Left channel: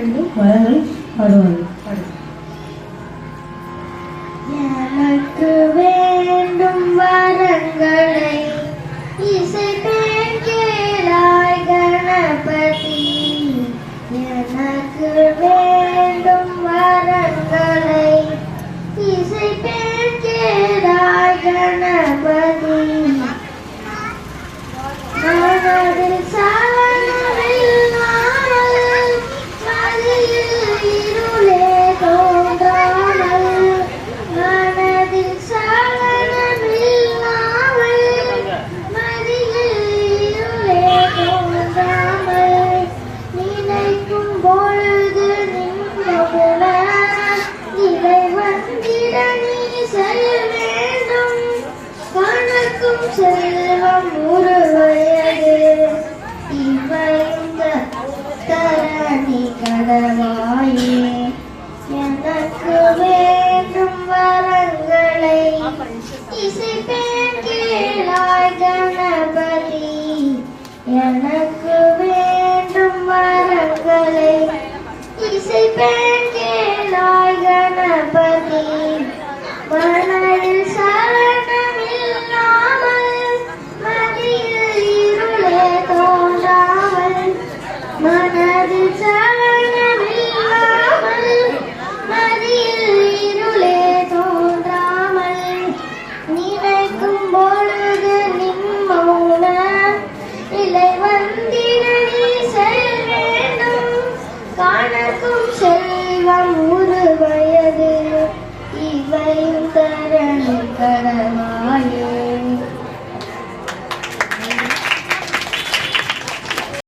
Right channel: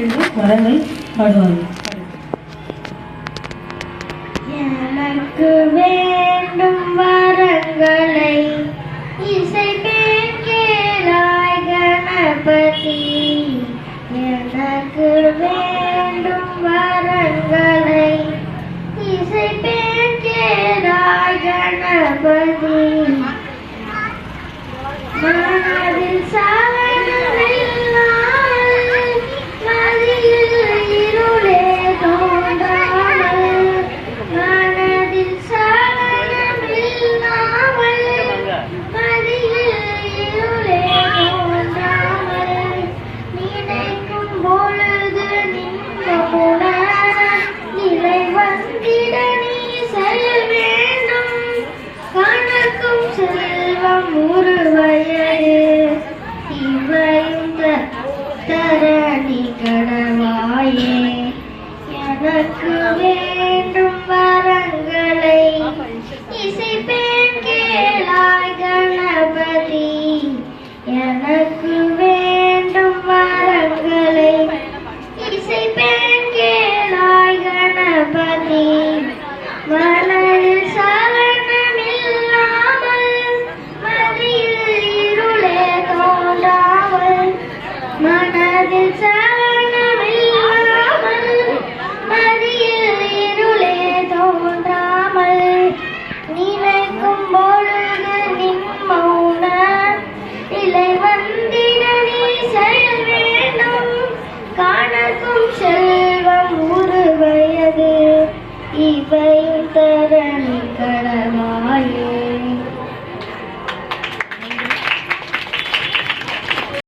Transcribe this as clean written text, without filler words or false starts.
2 வரங்கள் பாடுவாங்க. எனக்கு வேண்டும் வரங்களை இசைப்பேன் கேளாய் கணபதி. எனக்கு வேண்டும் வரங்களை இசைப்பேன் கேளாய் கணபதி. மனதில் சலனமில்லாமல் மதியில் இருளே தோன்றாமல். மனதில் சலனமில்லாமல் மதியில் இருளே தோன்றாமல். நினைக்கும் பொழுது நின்றவுடன் நிலை வந்திட நீ செய்ய வேண்டும். கணக்கும் செல்வம் உருவயது இவையும் தரணி கடவாயே. எனக்கு வேண்டும் வரங்களை இசைப்பேன் கேளாய் கணபதி. எனக்கு வேண்டும் வரங்களை இசைப்பேன் கேளாய் கணபதி. மனதில் சலனமில்லாமல் மதியில் இருளே தோன்றாமல். மன